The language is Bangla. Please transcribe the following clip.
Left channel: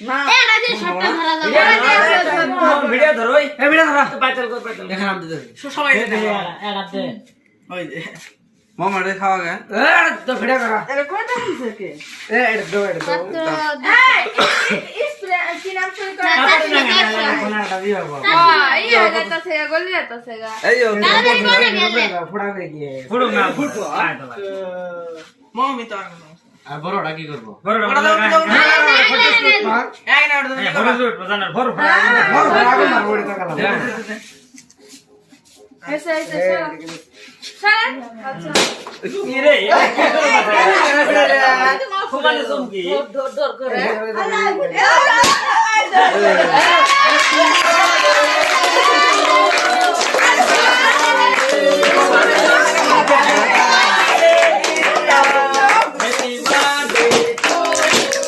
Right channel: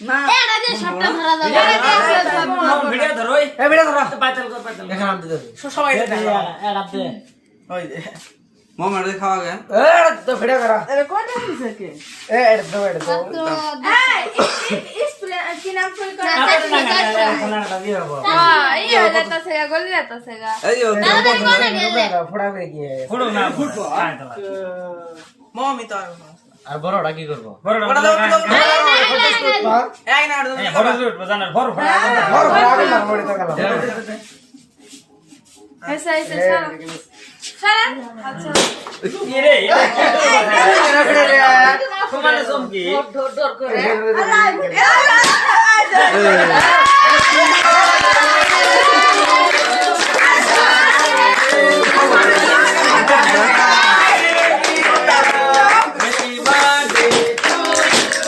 না এটা যে সবটা ধরা যাবে ভিডিও ধরো এ বেটা ধরা পাইতাল কর পাইতাল দেখা নাম দিতে সবাই দে দে ওই দে মামা রে খাওয়া গে এ তো ভিডিও করা আরে কয়টা হইছে কে এ এটা দো এই স্প্রে কি নাম শুরু করে ফোনাটা দিয়ে হবো এই যেটা সেগা গলি যেটা সেগা এই ও ফোড়া দে গিয়ে ফুড়ো না ফুড়ো মমি তো আর বড়টা কি করব বড় না এক না ওটা বড় জুট বাজানোর বড় ফোড়া বড় তো গেল এসে স্যার আচ্ছা কি রে তোমালে চমকি ডর করে